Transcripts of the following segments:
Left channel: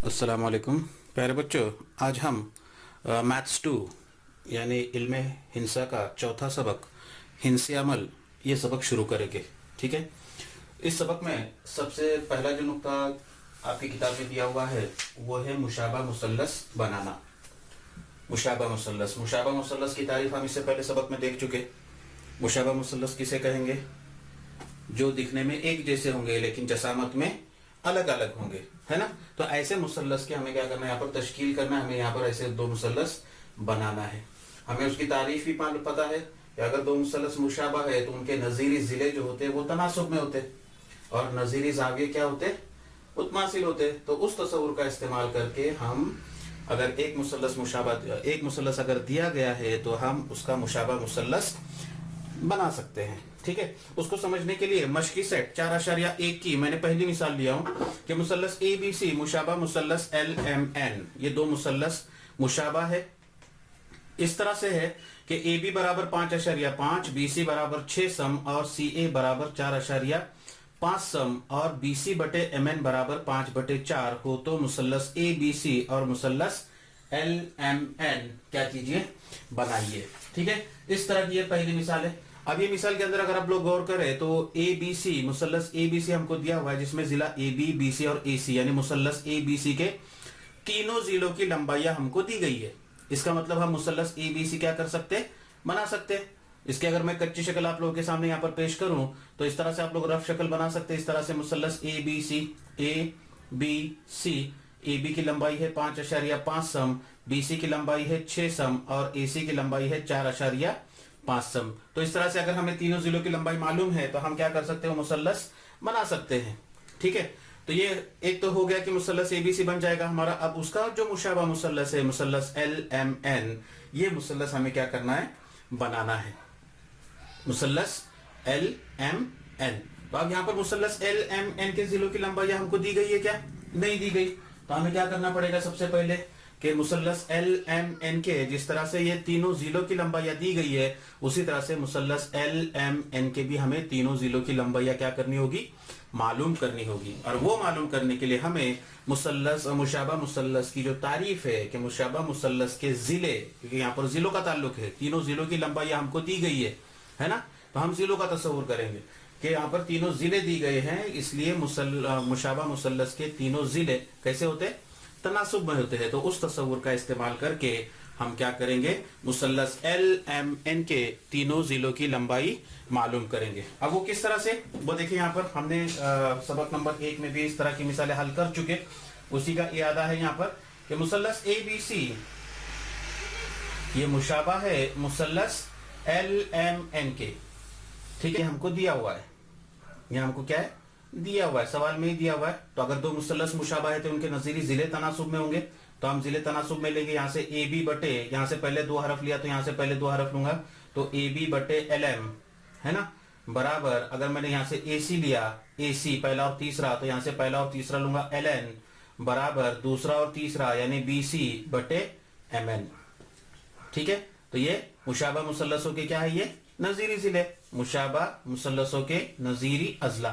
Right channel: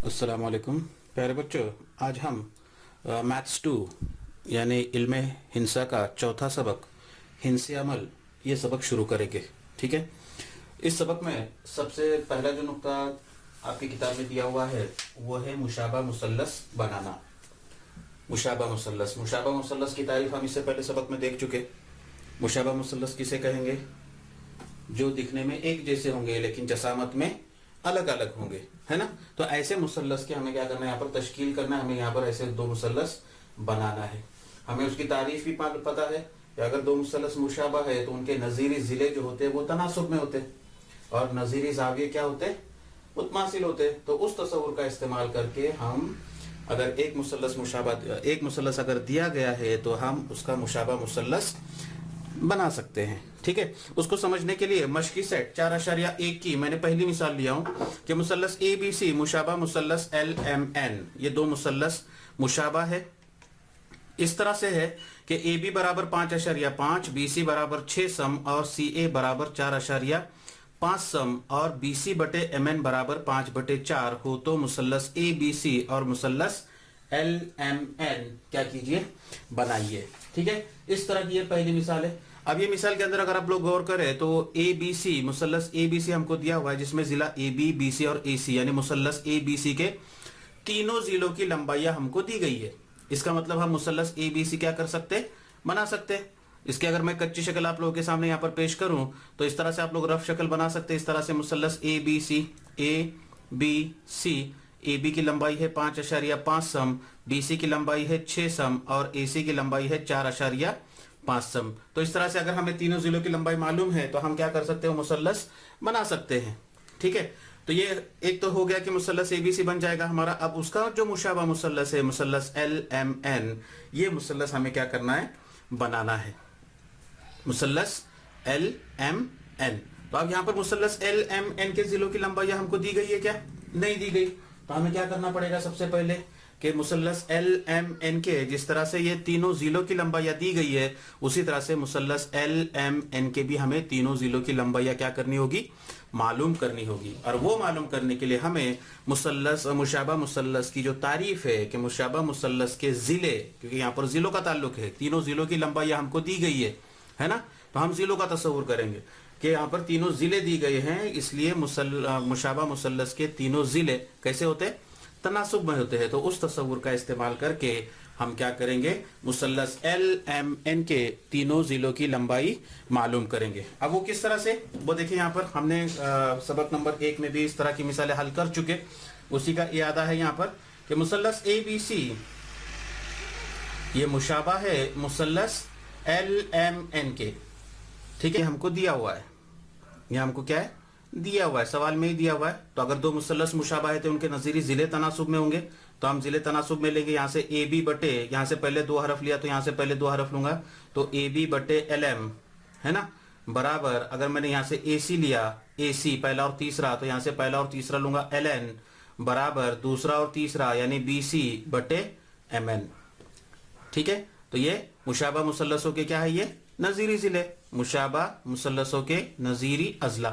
अस्सलाम वालेकुम प्यारे बच्चों। आज हम मैथ्स 2 यानी इल्म हिंसा का चौथा सबक हिंसे अमल ये सबक शुरू करेंगे। ठीक है, इस सबक में सबसे पहला जो नुक्ता आपकी किताब में दिया हुआ है वो है मुशाबा मुसल्लस बनाना। मुशाबा मुसल्लस की तारीफ हम इससे पहले सबक में देख चुके। मुशाबा मुसल्लस किसे कहेंगे? जो दिखने में एक जैसे होंगे लेकिन जसामत में अलग अलग होंगे, है ना। तो ऐसे मुसल्लस के हमें क्या करना है, यहाँ पर तश्कील करना है। हमें यहाँ पर ऐसे दो मुसल्लस बनाना है। हमें उसकी तारीफ भी पता है कि अगर दो मुसल्लस मुशाबा है तो उनके नजीरी जिले जो होते हैं वो तनासुब में होते हैं और नजीरी जाविये क्या होते, मुतमासिल होते। तो उस तस्वुर का इस्तेमाल करके हम अगर एक मुसल्लस अगर दिया गया है तो हम उसका मुशाबा मुसल्लस बना सकते हैं। ठीक है, उसको समझने के लिए मशकी सेट 4.1 की मैंने पहली मिसाल लिया हूं कि मुसल्लस ABC मुशाबा मुसल्लस LMN, ये दो मुसल्लस मुशाबा है। इस तरह से है कि AB बराबर 5.5, BC बराबर 6 सम और CA बराबर 4.5 सम और BC बटे MN बराबर 5/4 हो तो मुसल्लस ABC और मुसल्लस LMN क्या कीजिए, बनाइए। ठीक है, इस तरह की ये पहली मिसाल है। अब ये मिसाल के अंदर अगर आप लोग गौर करें तो ABC मुसल्लस ABC हमको दिया हुआ है जिसमें जिला AB, BC और AC यानी मुसल्लस ABC के तीनों जिलों की लंबाइयां हमको दी गई है। इसका मतलब हम मुसल्लस ABC क्या कर सकते, बना सकते। इसके अगर मैं कच्ची शक्ल आप लोगों के सामने यहाँ पर पेश करूं तो इस तरह से आप लोग रफ शक्ल बना सकते हैं। इस तरह से मुसल्लस ABC AB की लंबाई है 5.5 सम, BC की लंबाई है 6 सम और AC की लंबाई है 4.5 सम। तो इस तरह से अगर हमें तीनों जिलों की लंबाई मालूम है तो हम क्या कर सकते हैं, मुसल्लस बना सकते हैं। ठीक है, तो ये एक तो हो गया कि मुसल्लस ABC बन जाएगा हमारा। अब उसका जो मुशाबा मुसल्लस है मुसल्लस LMN, ये मुसल्लस हमें क्या करना है, बनाना है। मुसल्लस LMN, तो अब यहां पर मुसल्लस LMN के जिलों की लंबाई हमको दी गई है क्या? नहीं दी गई। तो हमें क्या करना पड़ेगा, सबसे पहले कि मुसल्लस LMN के जिस तरह से ये तीनों जिलों की लंबाइयां दी गई है उसी तरह से मुसल्लस LMN के भी हमें तीनों जिलों की लंबाइयां क्या करनी होगी, मालूम करनी होगी। और वो मालूम करने के लिए हमें मुसल्लस और मुशाबा मुसल्लस की जो तारीफ है कि मुशाबा मुसल्लस के जिले, क्योंकि यहाँ पर जिलों का ताल्लुक है, तीनों जिलों की लंबाइयां हमको दी गई है ना। तो हम जिलों का तस्वुर करेंगे कि यहाँ पर तीनों जिले दी गए हैं, इसलिए मुशाबा मुसल्लस के तीनों जिले कैसे होते, तनासुब में होते हैं। तो उस तस्वुर का इस्तेमाल करके हम क्या करेंगे, मुसल्लस LMN के तीनों जिलों की लंबाई मालूम करेंगे। अब वो किस तरह से, वो देखिए यहाँ पर हमने सबक नंबर 1 में भी इस तरह की मिसालें हल कर चुके, उसी का इरादा है यहाँ पर कि मुसल्लस ABC ये मुशाबा है मुसल्लस LMN के। ठीक है, हमको दिया हुआ है, ये हमको क्या है, दिया हुआ है, सवाल में ही दिया हुआ है। तो अगर दो मुसल्लस मुशाबा है तो उनके नजीरी जिले तनासुब में होंगे, तो हम जिले तनासुब में लेंगे। यहाँ से AB बटे, यहाँ से पहले 2 हरफ लिया तो यहाँ से पहले 2 हरफ लूंगा, तो AB बटे LM है ना, बराबर अगर मैंने यहाँ से AC लिया, AC पहला और तीसरा, तो यहाँ से पहला और तीसरा लूंगा LN बराबर दूसरा और तीसरा यानी BC बटे MN। ठीक है, तो ये मुशाबा मुसल्लसों के क्या है, ये नजीरी जिले, मुशाबा मुसल्लसों के नजीरी अजला।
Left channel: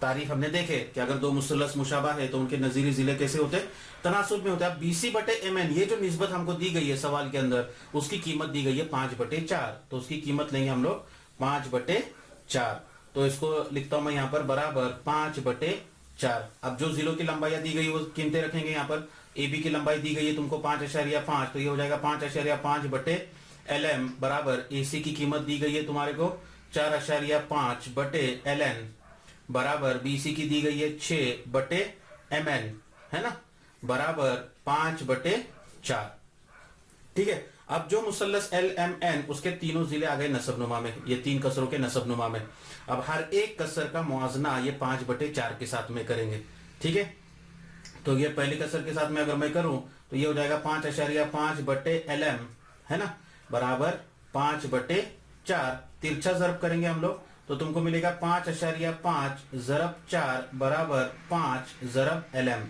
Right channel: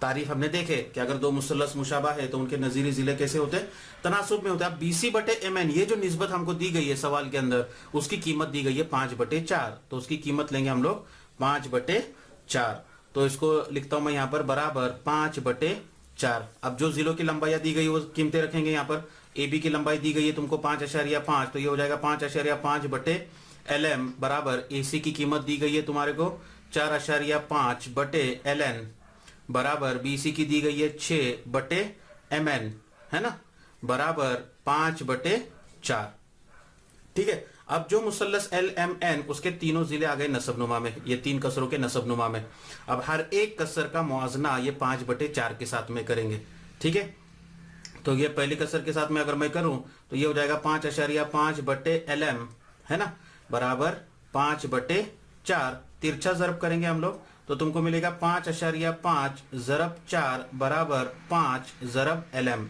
तारीफ हमने देखे कि अगर दो मुसल्लस मुशाबा है तो उनके नजीरी जिले कैसे होते हैं, तनासुब में होते हैं। BC बटे MN ये जो निस्बत हमको दी गई है सवाल के अंदर, उसकी कीमत दी गई है 5/4, तो उसकी कीमत लेंगे हम लोग 5/4। तो इसको लिखता हूं मैं यहाँ पर बराबर 5/4। अब जो जिलों की लंबाई दी गई वो कीमतें रखेंगे। यहाँ पर AB की लंबाई दी गई है तुमको 5.5, तो ये हो जाएगा 5.5 बटे LM बराबर AC की कीमत दी गई है तुम्हारे को 4.5 बटे LN बराबर BC की दी गई है 6 बटे MN है ना, बराबर 5/4। ठीक है, अब जो मुसल्लस LMN उसके तीनों जिले आ गए नसबनुमा में, ये 3 कसरों के नसबनुमा में। अब हर एक कसर का मुआजना ये 5/4 के साथ में करेंगे। ठीक है, तो ये पहली कसर के साथ में अगर मैं करूं तो ये हो जाएगा 5.5 बटे LM है ना, बराबर 5/4। तिरछा जरब करेंगे हम लोग तो तुमको मिलेगा 5.5 ज़रब 4 बराबर 5 ज़रब LM।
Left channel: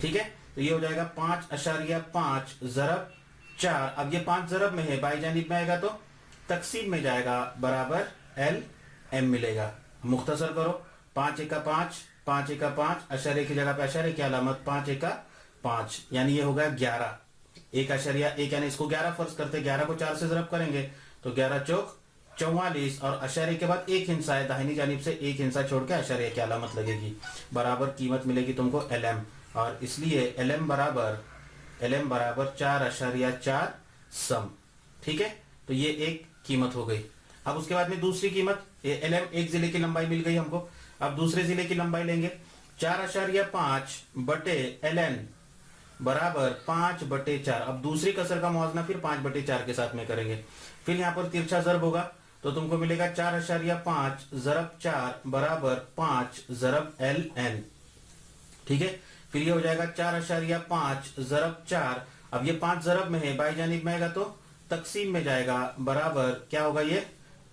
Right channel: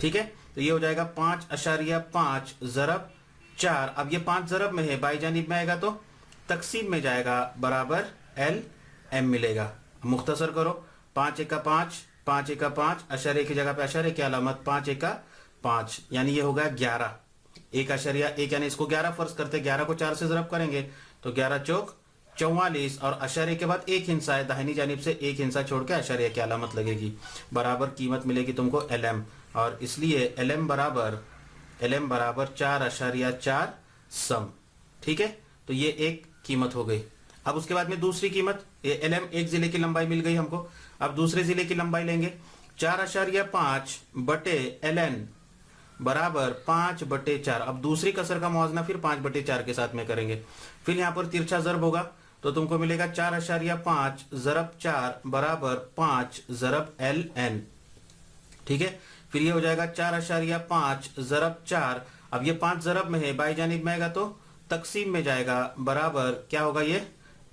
ठीक है, तो ये हो जाएगा 5.5 ज़रब 4। अब ये 5 ज़रब में है, बाई जानिब में आएगा तो तकसीम में जाएगा, बराबर LM मिलेगा। मुख्तसर करो, 5 × 5 5 एका 5, अशर्य की जगह पे अशर्य की अलामत 5 एका 5, यानी ये होगा 11। 1.1 यानी इसको 11 फर्ज करते, 11 को 4 से जरब करेंगे तो 11 चौक 44, और अशर्य के बाद एक हिंसा है, दाहिनी जानिब से एक हिंसा छोड़ के अशर्य की अलामत लगेगी, बराबर कीमत मिलेगी तुमको LM, और इसलिए LM बराबर 4.4 सम। ठीक है, तो ये एक कीमत हो गई। अब उसके बाद में दूसरी कीमत, LM एक जिले की लंबाई मिल गई हमको। अब दूसरे जिले की लंबाई लेंगे, 4.5 बटे LN बराबर 5/4। अब दूसरी कसर का मुआवजना फिर 5/4 के साथ में करेंगे। फिर यहाँ पर तिरछा जरब होगा तो तुमको मिलेगा 4.5 ज़रब 4 बराबर 5 ज़रब LN। ठीक है, फिर ये हो जाएगा 4.5 ज़रब 4। अब ये 5 ज़रब में है, बाई जानिब में आएगा तो तकसीम में जाएगा, बराबर क्या होगा ये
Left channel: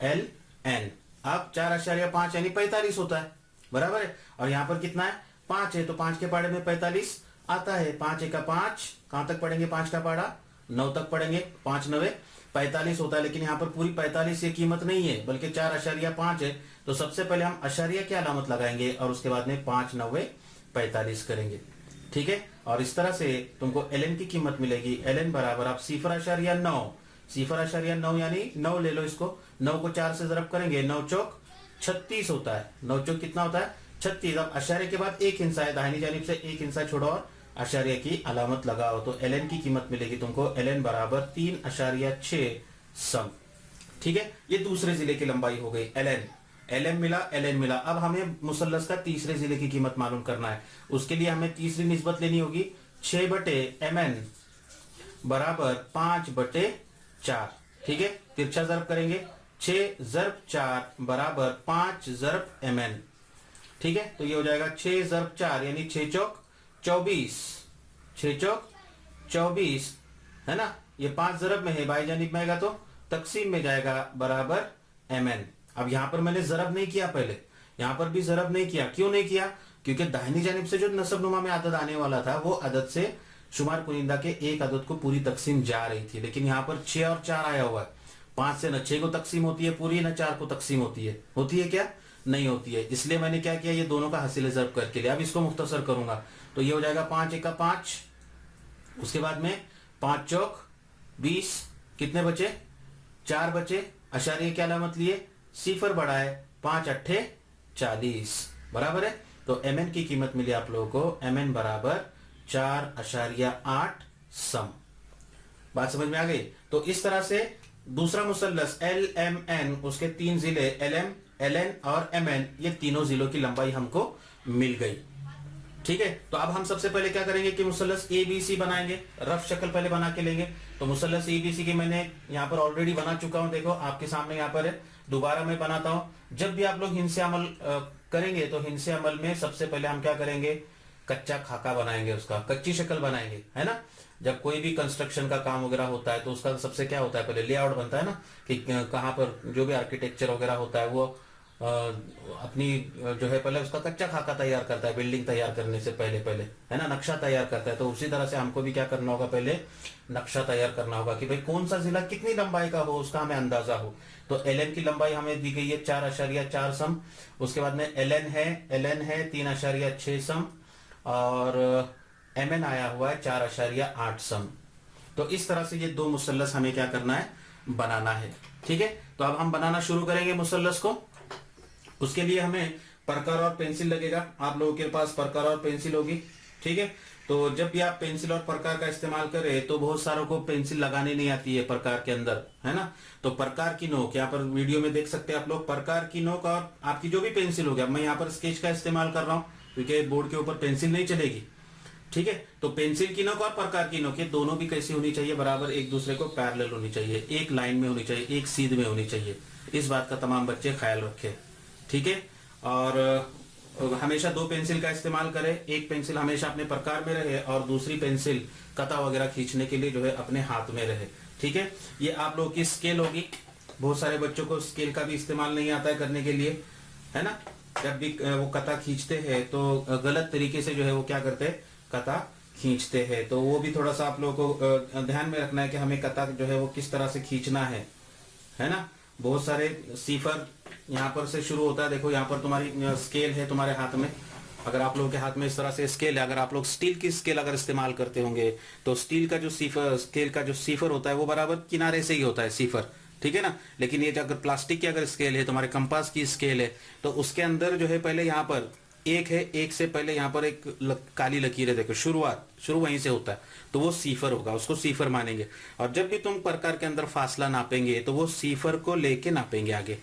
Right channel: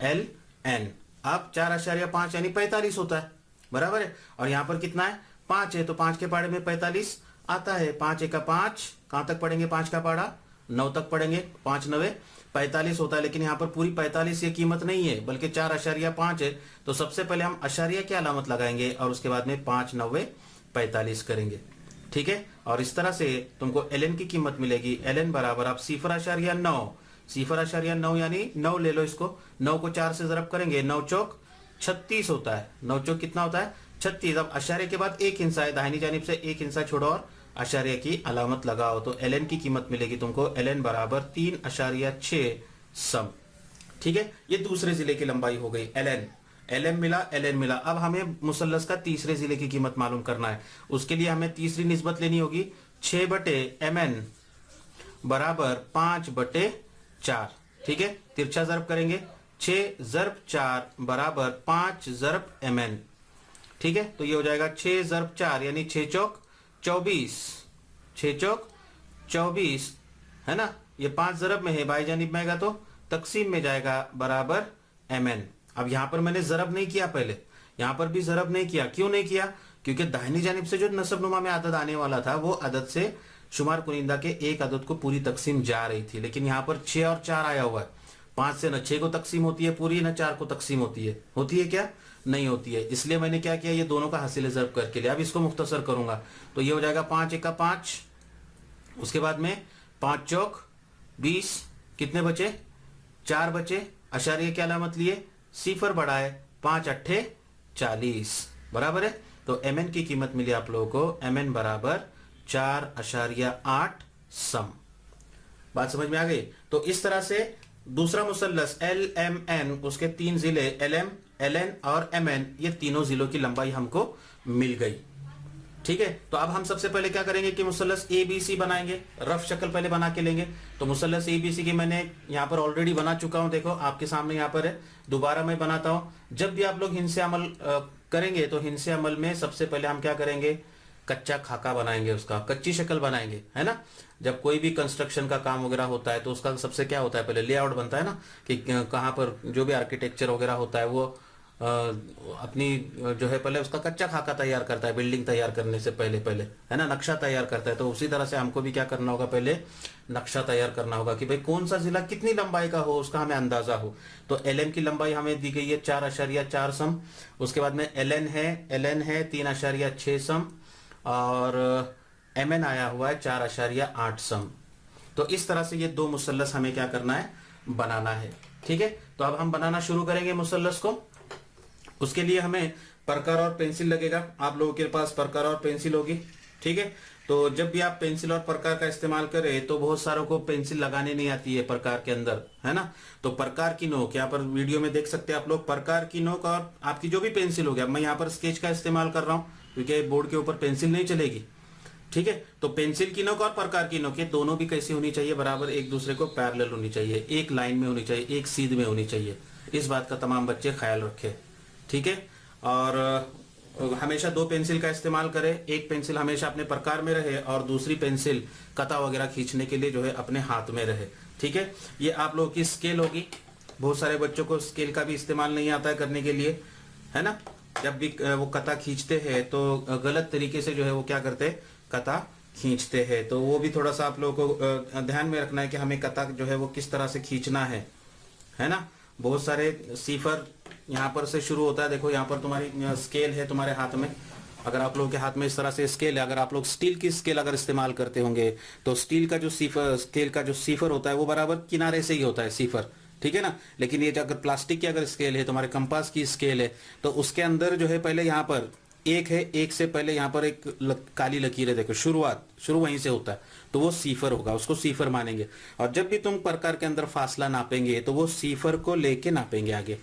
LN। अब 4.5 यानी 45 होता है, बराबर है। और यहाँ पर कितना है, 5 है, तो 5 के पाड़े में 45 आता है। 5 एका 5, कहां तक पढ़ेंगे, 5 का पाड़ा 9 तक पढ़ेंगे, 5 9 45 होता है। लेकिन यहाँ पर पूरी 45 ये कीमत नहीं है, बल्कि 4.5 है। तो सबसे पहले हम अशर्य की अलामत लगाएंगे और उसके बाद में 5 9 45 करेंगे। ठीक है, और इस तरह से तुमको LN की कीमत मिलेगी। LN बराबर आप 0.9, 0.9 यानी 9 ले लो इसको, 9 को 4 से जरब करेंगे, 9 चौक 36 होता है। 9 चौक कितना होता है, 36। अब अशर्य के बाद एक हिंसा है, दाहिनी जानिब से एक हिंसा छोड़ो और अशर्य की अलामत लगाओ, तो LN की कीमत मिलेगी तुमको। LN बराबर 3.6 सम। ठीक है, ये दूसरे जिले की लंबाई हो गई। LN मिला। अब हमें मुसल्लस का तीसरे जिले की कीमत मालूम करना है। उसके लिए हमें तीसरी निस्बत लेनी होगी, 6/MN बराबर 5/4। ठीक है, तिरछा जरब करेंगे, 6 ज़रब 4 बराबर 5 ज़रब MN। ठीक है, तो ये हो जाएगा 6 ज़रब 4 यानी 6 चौक 24, 6 चौक 24 है ना। ये 5 ज़रब में है, बाई जानिब में आएगा तो तकसीम में जाएगा, बराबर MN। अब यहां पर मैंने जरब नहीं किया, पहले यहां पर भी जरब नहीं किया। क्यों नहीं किया, क्योंकि दाहिनी जानिब से जो नसब नुमा में आदत आने वाला था वो आदत से शुमार कुनिंदा के एक आदत को पूरी तकसीम जा रही थी। लेकिन यहाँ पर 6 और 4 आया हुआ है, 5 से न 6 को तकसीम होती है पूरी, न 4 को तकसीम होती है क्या, नहीं होती है। इसलिए मैंने क्या किया, ये दोनों का हासिल जरब करके लिया। अब इसको मुख्तसर करूंगा तो ये हो जाएगा 5 एका 5, उसके बाद में 5 चौक 20, कितने बचे, 4 बचे। अशारिये की अलामत लिए, सिफर बढ़ाए, 5 8 40, बराबर है। तो MN की कीमत मिली आप लोगों को, MN बराबर 4.8 सम। बात समझ में आ गई। तो इस तरह से दूसरा मुसल्लस LMN, उसके 3 जिले LM, LN और MN, ये तीनों जिलों की लंबाई हमको मिल गई। ठीक है, तो अब हम सबसे पहले क्या करेंगे कि मुसल्लस ABC बनाएंगे। रफ शक्ल पहले बना के लेंगे। तो मुसल्लस ABC की मैंने यहाँ पर ऑलरेडी बना चुका हूं, देखो आपके सामने यहाँ पर है। दोबारा मैं बनाता हूं। जब भी आप लोग हिंसे अमल करेंगे तो हिंसे अमल में सबसे पहले हम क्या करेंगे, कच्चा खाका बनाएंगे, उसका कच्ची शक्ल बनाएंगे, है ना। जब कोई भी कंस्ट्रक्शन का काम वगैरह होता है तो उसका सबसे क्या होता है, पहले लेआउट बनता है ना, कि कहाँ पर जो भी आर्किटेक्चर वगैरह होता है वो अपनी जो है पहले उसका कच्चा खाका तैयार करता है, बिल्डिंग तैयार करने से पहले है ना, नक्शा तैयार करता है। तो उसी तरह से हमको भी क्या करना होगा, पहले नक्शा तैयार करना होगा कि भाई कौन सा जिला कितनी लंबाई का हो, उसका हमें अंदाजा हो। तो LN की लंबाई हमें दी गई है 4.4 सम। उसके बाद में LN है 3.6 सम, और MN आया हुआ है 4.8 सम। तो इस तरह से ये दो मुसल्लस हमें क्या करना है, बनाना है। ठीक है, तो अब हम बनाना शुरू करेंगे मुसल्लस को। उसके लिए हमें परकर और पेंसिल लगेगा। आप लोगों के पास परकर और पेंसिल होगी। ठीक है, तो जब भी आप पेंसिल और प्रकार का इस्तेमाल करें तो बहुत सारों को पेंसिल लगाने नहीं आती है प्रकार के अंदर, है ना। तो प्रकार की नोक यहाँ पर वीडियो में देख सकते हैं आप लोग, प्रकार की नोक और आपकी जो भी पेंसिल हो गया, मैं यहाँ पर स्केच का इस्तेमाल कर रहा हूँ क्योंकि बोर्ड के ऊपर पेंसिल नहीं चलेगी। ठीक है, तो पेंसिल की नोक और प्रकार की नोक ये दोनों भी कैसी होनी चाहिए, बराबर एक दूसरे को पैरेलल होनी चाहिए, एक लाइन में होनी चाहिए, एक सीध में होनी चाहिए। इस बात का तमाम बच्चे ख्याल रखें। ठीक है, और हमेशा दो पेंसिल का इस्तेमाल करें। एक पेंसिल हमेशा अपने प्रकार में रहे और दूसरी पेंसिल कता वगैरह खींचने के लिए जो है अपने हाथ में रहे। ठीक है, ये आप लोगों की स्केल होगी। बहुत सारे बच्चों को स्केल का भी इस्तेमाल नहीं आता है करने के लिए, है ना। जब भी वो कता खींचते हैं तो गलत तरीके से जो है वो क्या करते हैं, कता खींचते हैं। तो वो भी थोड़ा सा आप लोगों को ध्यान में रखना है कि हमें कता जो है वो किस तरह से खींचना है ना। बहुत सारे सिफर यहाँ पर से शुरू होता है। देखो यहाँ पर तुम्हारी स्केल है तुम्हारे हाथ में, अगर आप लोगों के हाथ में इस तरह से स्केल है, अगर आप लोग स्टील की स्केल अगर इस्तेमाल करते होंगे तो स्टील का जो सीफर, स्केल का जो सीफर होता है वो बराबर किनारे से ही होता है सीफर, ठीक है ना। लेकिन ये अगर प्लास्टिक की अगर स्केल है, तुम्हारे कंपास की स्केल है, तो उसके अंदर जो है पहले यहाँ पर एक है, एक से पहले यहाँ पर एक काली लकीर है, देखो शुरू वहीं से होता है, तो वो सीफर होगा, उसको सीफर मानेंगे। और जब भी तुम प्रकार के अंदर फासला नापेंगे तो वो सीफर को लेके नापेंगे आगे।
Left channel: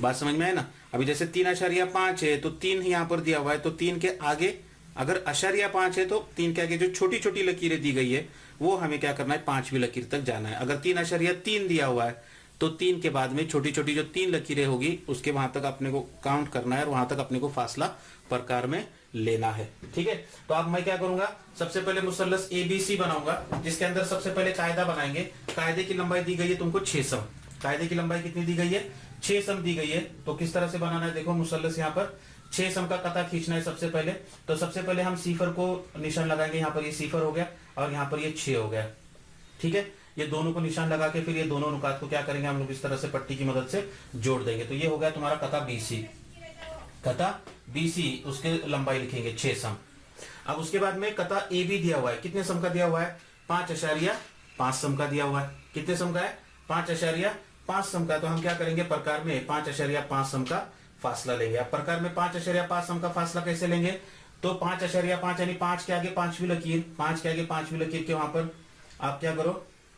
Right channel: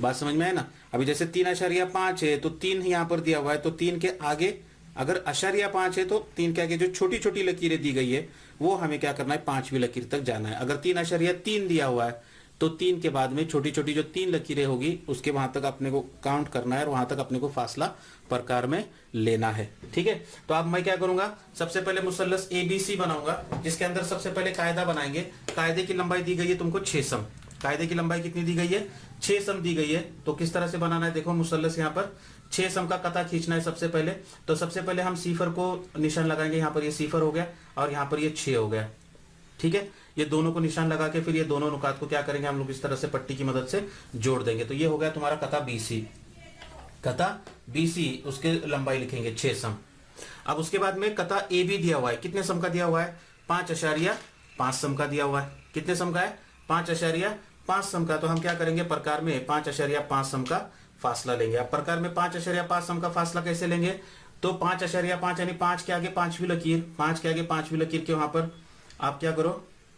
बात समझ में है ना। अभी जैसे 3.5 है तो 3 यहाँ पर दिया हुआ है, तो 3 के आगे अगर 0.5 है तो 3 के आगे जो छोटी छोटी लकीरें दी गई है वो हमें क्या करना है, 5वीं लकीर तक जाना है। अगर 3.3 दिया हुआ है तो 3 के बाद में छोटी छोटी जो 3 लकीरें होगी उसके वहां तक अपने को काउंट करना है और वहां तक अपने को फासला प्रकार में लेना है, ठीक है। तो अब मैं क्या करूंगा, सबसे पहले मुसल्लस एबीसी बनाऊंगा, जिसके अंदर सबसे पहले कायदा बनाएंगे। कायदे की लंबाई दी गई है तुमको 6 सम। कायदे की लंबाई कितनी दी गई है, 6 सम दी गई है। तो किस तरह से बनाना है, देखो मुसल्लस यहाँ पर 6 सम का कता खींचना है सबसे पहले। तो सबसे पहले हम सीफर को निशान लगाएंगे, यहाँ पर ये सीफर हो गया और यहाँ पर ये 6 हो गया, ठीक है। ये दोनों को निशान लगा के फिर ये दोनों नुकात को क्या करेंगे हम लोग, इस तरह से पट्टी की मदद से जोड़ देंगे। तो ये हो गया तुम्हारा कता बीसी, कता बीसी, उसके लंबाई लिखेंगे 6 सम। अब उसके बाद में कता ए बी दिया हुआ है, कितने सम का दिया हुआ है, 5.5 सम का दिया हुआ है। कितने सम का है, 5.5 सम का। तो हम क्या करेंगे, प्रकार में 5.5 सम का फासला लेंगे। अब प्रकार में 5.5 सम का फासला कैसे लेंगे, तो 5.5 यानी 5 के आगे 5वीं लकीर, 5 के आगे 5वीं लकीर के वहां पर आप क्या करो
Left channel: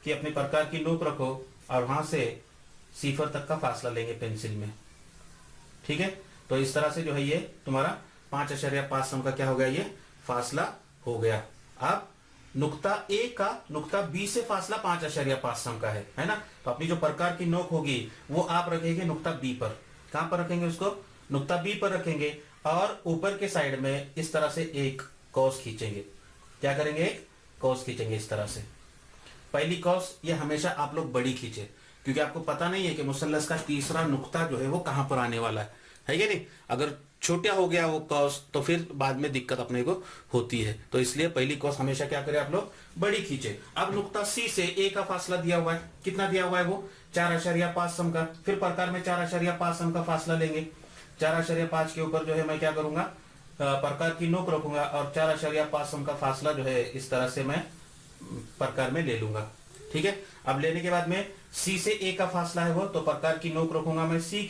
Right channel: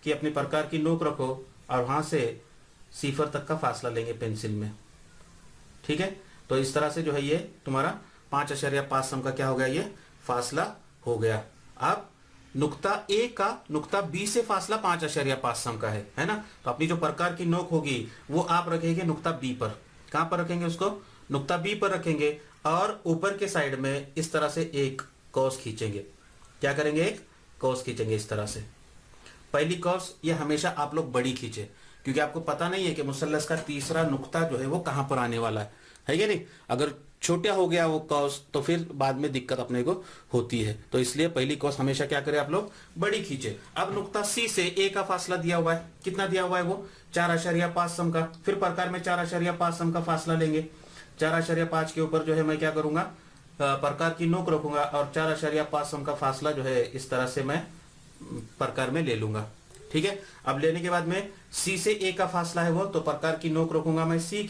कि अपने प्रकार की नोक रखो और वहां से सीफर तक का फासला लेंगे पेंसिल में, ठीक है। तो इस तरह से जो है ये तुम्हारा 5.5 सम का क्या हो गया, ये फासला हो गया। अब नुक्ता ए का नुक्ता बी से फासला 5.5 सम का है ना। तो अपनी जो प्रकार की नोक होगी वो आप रखेंगे नुक्ता बी पर। कहां पर रखेंगे उसको, नुक्ता बी पर रखेंगे और ऊपर के साइड में इस तरह से एक कॉस खींचेंगे। क्या करेंगे, एक कॉस खींचेंगे इस तरह से। पहली कॉस ये हमेशा आप लोग बड़ी खींचे, क्योंकि आपको पता नहीं है कि मुसल्लस का तीसरा नुक्ता जो है वो कहां पर आने वाला है कि नहीं। अगर छोटा हो गया वो कॉस तो फिर बाद में दिक्कत अपने को होती है, तो इसलिए पहली कॉस हमेशा क्या करें आप लोग, बड़ी खींचे। अब नुक्ता सी से ए का फासला दिया हुआ है, कितना दिया हुआ है वो 4.5 सम का। फिर प्रकार में 4.5 सम का फासला लेंगे। 4.5 के ऊपर जो है मैं क्या करूंगा, प्रकार की नोक रखूंगा और 4.5 सम का फासला जो है इस तरह से मैं प्रकार में ले लूंगा, ठीक है। अब लेने के बाद में सी से ए का फासला है वो, तो प्रकार की नोक रखूंगा मैं सी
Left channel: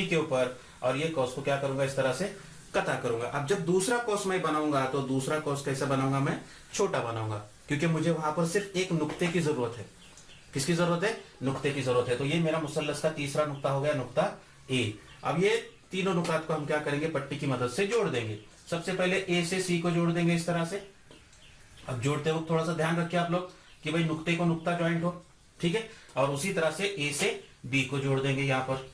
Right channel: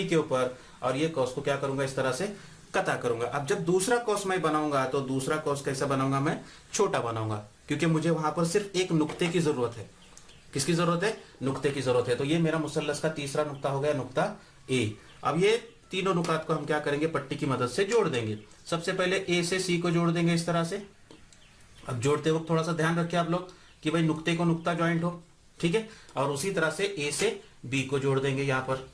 के ऊपर और ये कॉस को क्या करूंगा, इस तरह से कता करूंगा। अब जब दूसरा कॉस मैं बनाऊंगा तो दूसरा कॉस कैसे बनाऊंगा, मैं छोटा बनाऊंगा, क्योंकि मुझे वहां पर सिर्फ एक नुक्ते की जरूरत है। किसकी जरूरत है, नुक्ते की जरूरत है। तो ये मेरा मुसल्लस का तीसरा नुक्ता हो गया, नुक्ता ए। अब ये तीनों नुकात को हम क्या करेंगे, पट्टी की मदद से जोड़ देंगे। सबसे पहले ए से सी को जोड़ देंगे इस तरह से। अब जोड़ते वक्त थोड़ा सा ध्यान रखिए आप लोग कि भाई नुक्ते को नुक्ता ज्वाइंट हो, ठीक है। और उसी तरह से ए से बी को जोड़ देंगे, यहां पर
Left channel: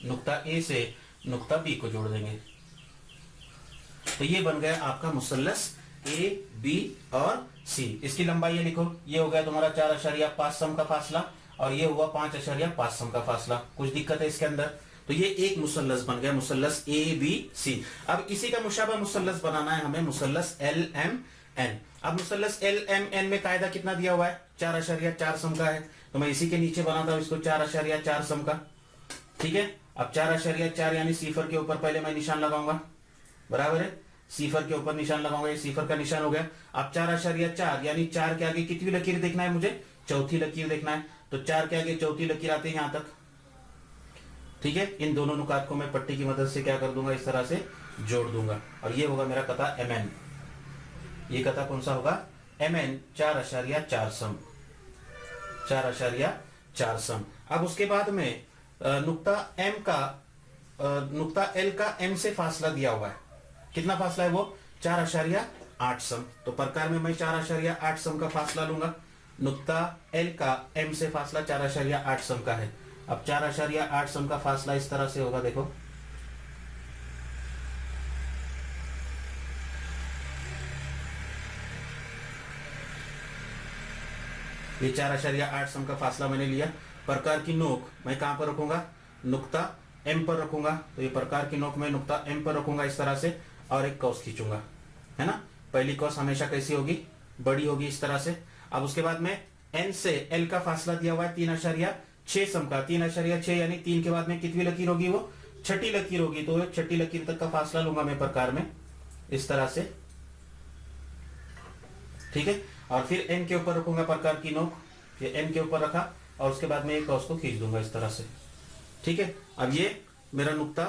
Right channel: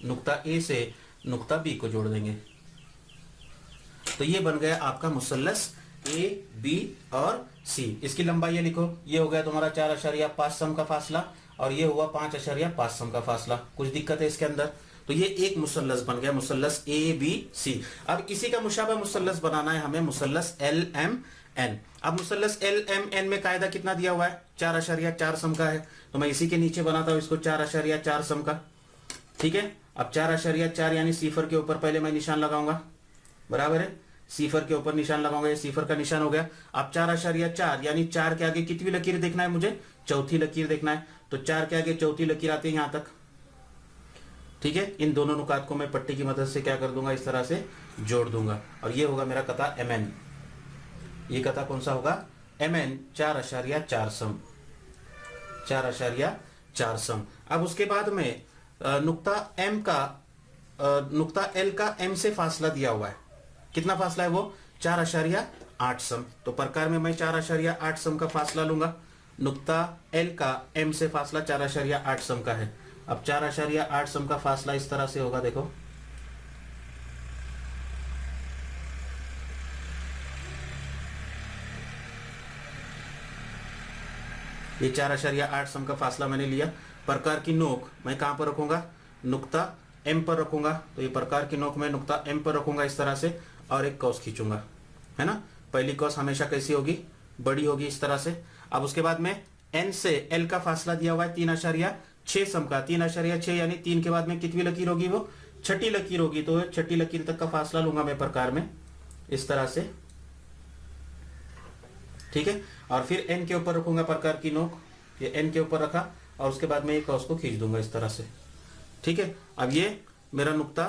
नुक्ता ए से नुक्ता बी को जोड़ देंगे। तो ये बन गया आपका मुसल्लस ए बी और सी। इसकी लंबाई ये लिखो, ये हो गया तुम्हारा 4.5 सम का फासला और ये हुआ 5.5 सम का फासला। कुछ दिक्कत है इसके अंदर, तो ये एक मुसल्लस बन गया, मुसल्लस ए बी सी। अब इसी का मुशाबा मुसल्लस बनाना है हमें, मुसल्लस एल एम एन। अब मुसल्लस एल एम एन में कायदा कितना दिया हुआ है, 4.4 सम का है। तो मैं इसी के नीचे बनाता हूं इसको 4.4 सम का, ठीक है। अब 4.4 यानी सीफर के ऊपर पहले मैं निशान लगाऊंगा, बराबर है। सीफर के ऊपर निशान लगाऊंगा, ये सीफर का निशान हो गया। अब 4.4 यानी 4 के आगे कितनी लकीर देखना है मुझे, चौथी लकीर देखना है। तो 4 के आगे चौथी लकीर आती है यहां तक, ठीक है। इन दोनों नुकात को मैं पट्टी की मदद से क्या कर दूंगा, इस तरह से जोड़ दूंगा और ये होगा मेरा कता एम एन। ये कता कौन सा होगा, एम एन 4.4 सम, 4.4 सम। अब उसके बाद में नुक्ता एम का, नुक्ता एल का एम से फासला दिया हुआ है। कितना फासला है वो, 4.8 सम। तो प्रकार में मैं 4.8 सम का फासला लूंगा। नुक्ता एल का एम से फासला 4.8 सम का है। अब 4.8 सम का फासला इस तरह से होगा, देखो ये 4.8 सम का फासला मैंने लिया। प्रकार की नोक मैं कहां पर रखूंगा, नुक्ता एम पर रखूंगा। तो ये प्रकार की नोक मैं नुक्ता एम पर रखूंगा इस तरह से और एक कॉस खींचूंगा, है ना। पहली कॉस हमेशा कैसी होगी, बड़ी होगी इस तरह से। अब उसके बाद में एन से एल का फासला दिया हुआ है 3.6 सम का। 3.6 यानी 3 के बाद में कितनी लकीर होगी वो, छठी लकीर होगी तो छठी लकीर तक का फासला लूंगा मैं प्रकार में इस तरह से, ठीक है। और फिर एन के ऊपर रखूंगा प्रकार की नोक, ये एन के ऊपर रखा और उसके बाद में एक क्रॉस को खींच दूंगा इस तरह से, ठीक है। अब ये मेरा नुक्ता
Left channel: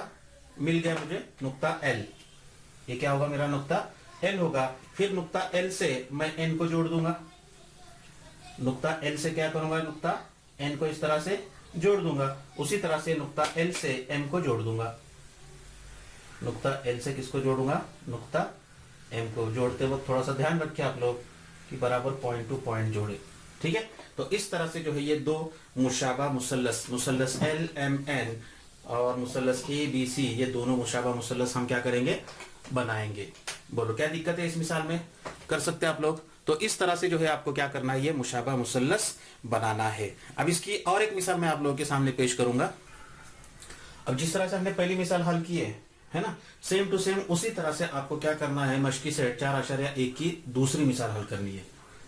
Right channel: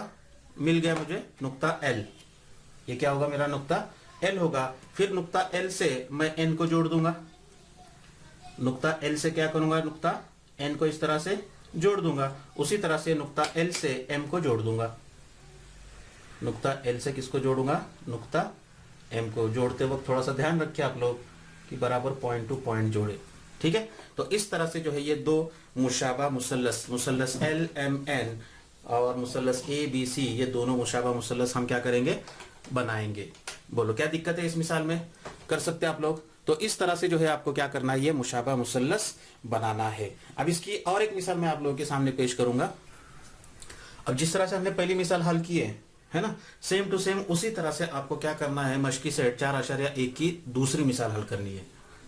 मिल गया मुझे, नुक्ता एल। ये क्या होगा, मेरा नुक्ता एल होगा। फिर नुक्ता एल से मैं एन को जोड़ दूंगा, नुक्ता एल से क्या करूंगा, नुक्ता एन को इस तरह से जोड़ दूंगा। उसी तरह से नुक्ता एल से एम को जोड़ दूंगा, नुक्ता एल से किसको जोड़ूंगा, नुक्ता एम को। जोड़ते वक्त थोड़ा सा ध्यान रखिए आप लोग कि बराबर पॉइंट टू पॉइंट जोड़े, ठीक है। तो इस तरह से जो है ये दो मुशाबा मुसल्लस, मुसल्लस एल एम एन और मुसल्लस ए बी सी, ये दोनों मुशाबा मुसल्लस हम क्या करेंगे, बनाएंगे। बोलो क्या दिक्कत है इस मिसाल में, कर सकते हैं आप लोग। तो इस तरह से जो है आपको क्या करना है, ये मुशाबा मुसल्लस बनाना है। अब इसकी और एक मिसाल मैं आप लोगों के सामने पेश करूंगा। अब जिस तरह से हमने पहली मिसाल हल की है ना, सेम टू सेम उसी तरह से आपको क्या करना है, मशकी सेट 4.1 की दूसरी मिसाल हल करनी है।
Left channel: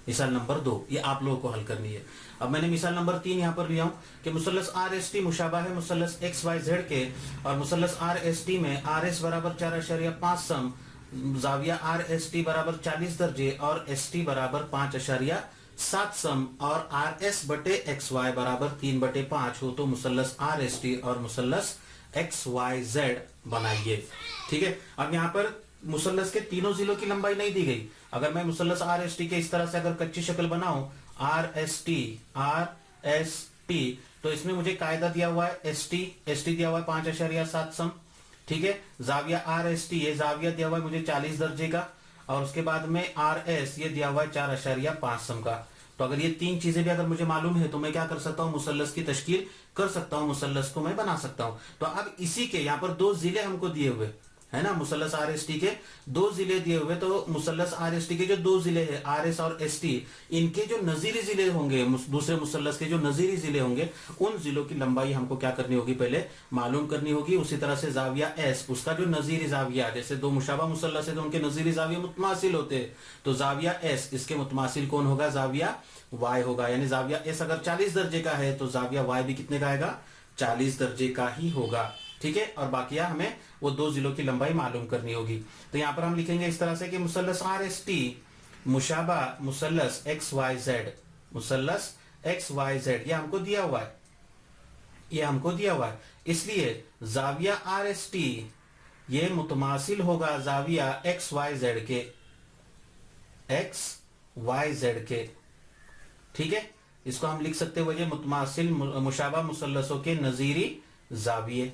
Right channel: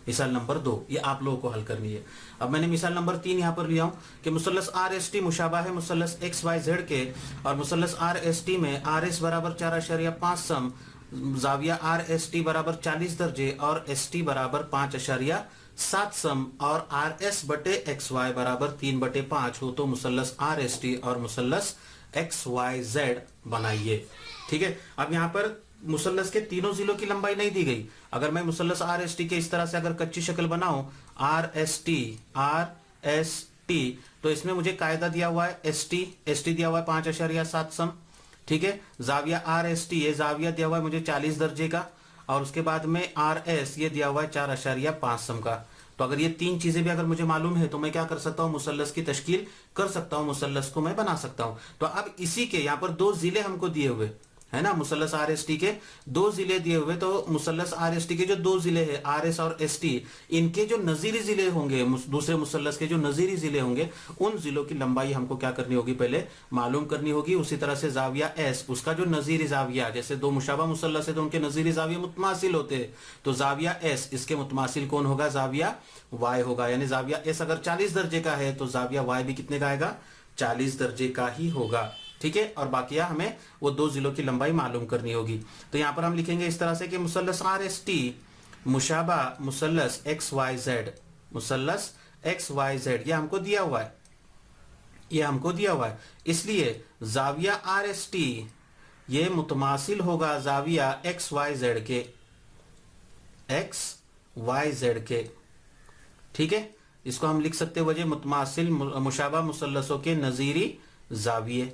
मिसाल नंबर 2 ये आप लोगों को हल करनी है। अब मैंने मिसाल नंबर 3 यहाँ पर लिया हूं कि मुसल्लस आर एस टी मुशाबा है मुसल्लस एक्स वाई जेड के, और मुसल्लस आर एस टी में आर एस बराबर 4.5 सम, जाविया आर एस टी बराबर 40 दर्जे और एस टी बराबर 5.7 सम, और आर एस बटे एक्स वाई बराबर 3/5 हो तो मुसल्लस आर एस टी और मुसल्लस एक्स वाई जेड बनाइए, ठीक है। अब यहाँ पर मुसल्लस के तीनों जिलों की लंबाई नहीं दी गई। अगर मैं मुसल्लस आर एस टी के इस तरह से अगर कच्ची शक्ल बनाऊं, आर एस टी, तो इसमें मुझे कायदा दिया हुआ है एस टी दिया हुआ है 5.7 सम, ठीक है। जाविया आर एस टी, ये जाविया दिया हुआ है मुझे 40 दर्जे का, और उसके बाद में आर एस ये दिया हुआ है 4.5 सम का। तो अगर ये तीन चीजें भी अगर मुझे मालूम है तो मैं क्या कर सकता हूं, मुसल्लस की तश्कील कर सकता हूं, मुसल्लस को मैं बना सकता हूं। तो अब इसी के यहाँ पर 2 जिले हमको दिए हुए है ना, मुसल्लस आर एस टी के 2 जिले दिए हुए। तो मुसल्लस आर एस टी के जो 2 जिले हैं आर एस और एस टी, इनके जो नजीरी जिले होंगे, दूसरे मुसल्लस के जो नजीरी जिले होंगे, उन जिलों की लंबाई हमको क्या करनी होगी, पहले मालूम करनी होगी। उसी तरह से जाविया एस, उसका जो नजीरी जाविया, जैसे 2 मुशाबा मुसल्लस है तो उनके नजीरी जाविया मुतमासिल होते हैं, तो जाविया एस इसके मुतमासिल कौन होगा, जाविया वाई होगा। यानी जाविया एस अगर 40 दर्जे का है तो जाविया वाई भी कितने का आएगा, 40 दर्जे का ही होगा, ठीक है। और बाकिया हमें वो 2 जिलों की लंबाई मालूम करनी होगी। तो यहां पर हम लिखेंगे इस तरह से कि मुसल्लस आर एस टी मुशाबा मुसल्लस एक्स वाई जेड, मुसल्लस एक्स वाई जेड ये हमको दिया हुआ है, ये हमको दिया हुआ है। इसलिए जाविया आर एस टी ये मुतमासिल होगा जाविया एक्स वाई जेड के, एक्स वाई जेड के, ठीक है। इसको हम लिख सकते वजह मुतमासिल मुशाबा मुसल्लसों के नजीरी जाविये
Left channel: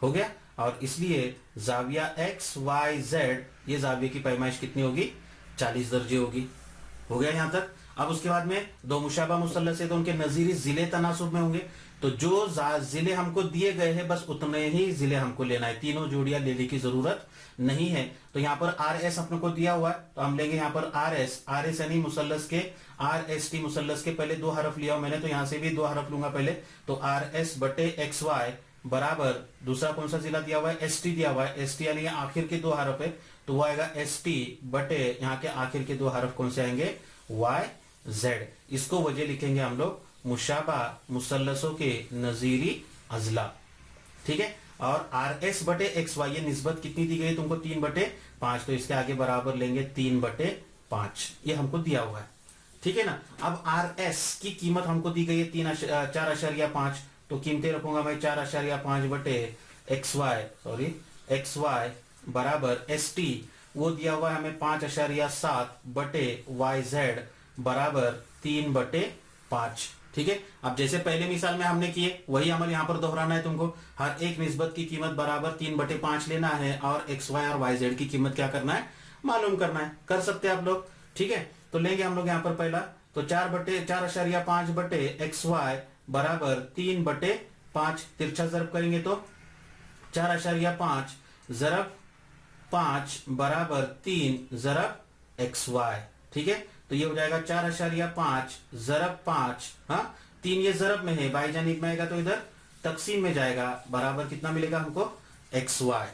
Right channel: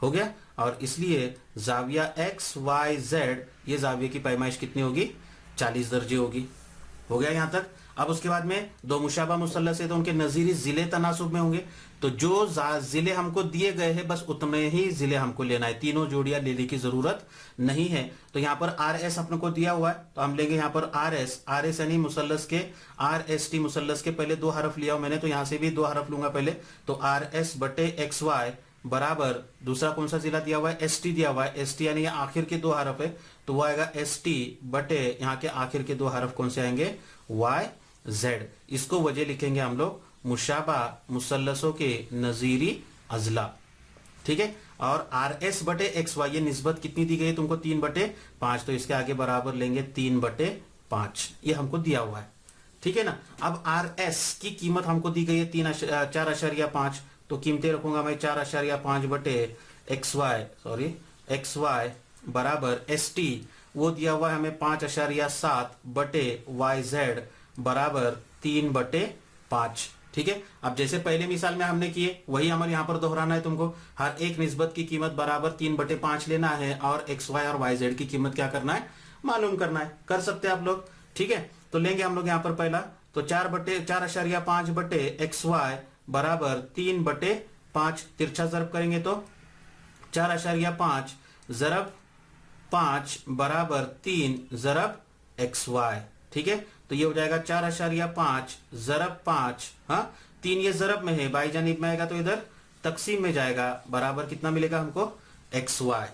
हो गया। और इसलिए जाविया एक्स वाई जेड ये जाविये की पैमाइश कितनी होगी, 40 दर्जे होगी। हो गया यहां तक। अब उसके बाद में 2 मुशाबा मुसल्लस है तो उनके नजीरी जिले तनासुब में होंगे, तो जो जिले हमको दिए गए हैं बस उतने ही जिले हमको लेना है, तीनों जोड़ियां लेने की जरूरत नहीं है। तो यहाँ पर आर एस अपने को दिया हुआ है तो हम लेंगे यहाँ पर आर एस यानी मुसल्लस के आर एस टी मुसल्लस के पहले 2 हरफ लिया मैंने, तो यहां से भी 2 हरफ लूंगा पहले। तो आर एस बटे एक्स वाई बराबर दूसरा कौन सा जिला दिया हुआ है, एस टी दिया हुआ है, एस टी यानी आखिर के 2 हरफ है तो वो आएगा एस टी बटे यहाँ के आखिर के 2 हरफ कौन से आएंगे, वाई जेड। इसको वजह लिखेंगे हम लोग मुशाबा मुसल्लसों के नजीरी अजला, ठीक है। और आर एस बटे एक्स वाई ये निस्बत कितनी दी गई है तुमको, 3/5, तो इसके आगे बराबर लेंगे 3/5, ये हमको दिया हुआ है, ठीक है ना। अब आर एस की कीमत हमको दी गई है 4.5, तो कीमतें रखूंगा मैं 4.5 बटे एक्स वाई बराबर एस टी वो दिया हुआ है हमें 5.7 बटे वाई जेड बराबर 3/5, ठीक है। अब जैसे पहले मिसाल में हमने किए वही अमल यहाँ पर दोहराना है तुमको। हर एक निस्बत की कीमत बराबर 3/5 लेना है और एक्स वाई और वाई जेड की कीमत क्या करना है, मालूम करना है। कर सकते हैं आप लोग, ठीक है। तो लेंगे हम लोग यहाँ पर पहला, तो 4.5 बटे एक्स वाई बराबर 3/5, तिरछा जरब करेंगे तो 4.5 जरब 5 बराबर 3 जरब एक्स वाई, ठीक है। तो ये हो जाएगा 4.5 जरब 5, हाँ 3 ये जरब में है, बाई जानिब में आएगा तो इधर तकसीम में जाएगा, बराबर कितना मिलेगा हमको, एक्स वाई।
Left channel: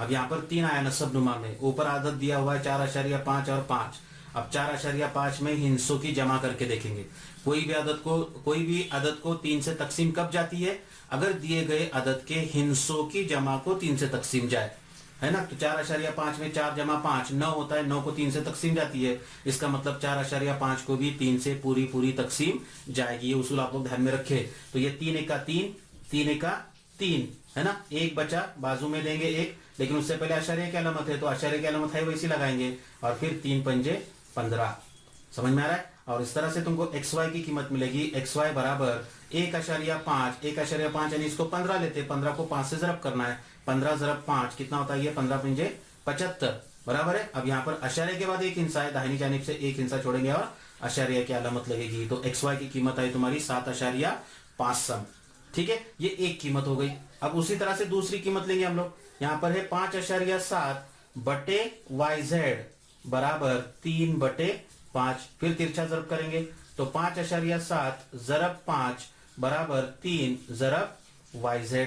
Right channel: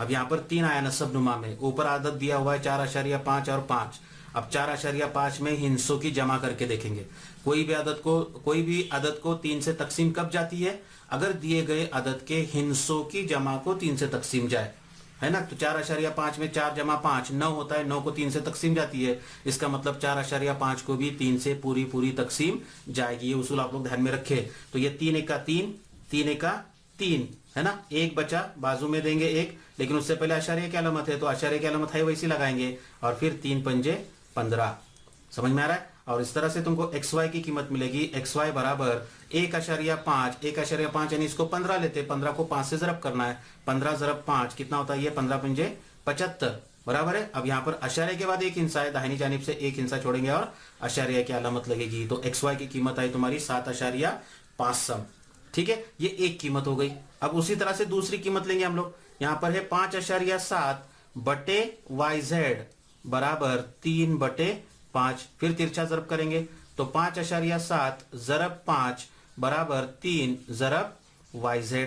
अब यहाँ पर 3 आया नसब नुमा में, ऊपर आदत दिया हुआ है 4.5 और 5। अब 4.5 में हिस्सों की जमा करके देखेंगे, कोई भी आदत को 3 से तकसीम कब जाती है, अगर दिए गए अदद के हिस्सों की जमा को 3 से तकसीम जाए, है ना। तो 4.5 में 4 जमा 5 9 होता है, 9 को 3 से तकसीम जाती है, इसका मतलब 4.5 को भी 3 से पूरी तकसीम जाएगी। ये उसूल आप लोग ध्यान में रखे। तो ये 3 एका 3, 3 एका 3, है ना। एक बचा, बाजू में देंगे एक, लेकिन उससे पहले अशारिया की अलामत है, तो अशारिया की अलामत है वैसी लगाएंगे, और फिर 3 पंजे 15। समझ में आ रहा है। और इस तरह से तुमको XY की कीमत मिलेगी। XY बराबर 1.5, 1.5 यानी इसको 15 लेते, 15 को 5 से जरब करना है, 15 × 5 कितना होता है, ये 15 पंजे 75, बराबर है। अब यहाँ पर अशारिया के बाद एक हिस्सा है, दाहिनी जानिब से एक हिस्सा छोड़ेंगे और अशारिया की अलामत लगेगी। तो XY की कीमत आई तुम्हारी 7.5 सम। ठीक है, ये एक कीमत हो गई। अब उसी तरह से दूसरी कीमत लेंगे हम लोग। यहाँ पर है 5.7 बटे YZ बराबर 3/5। फिर तिरछा जरब करेंगे, तो 5.7 ज़रब 5 बराबर 3 ज़रब YZ।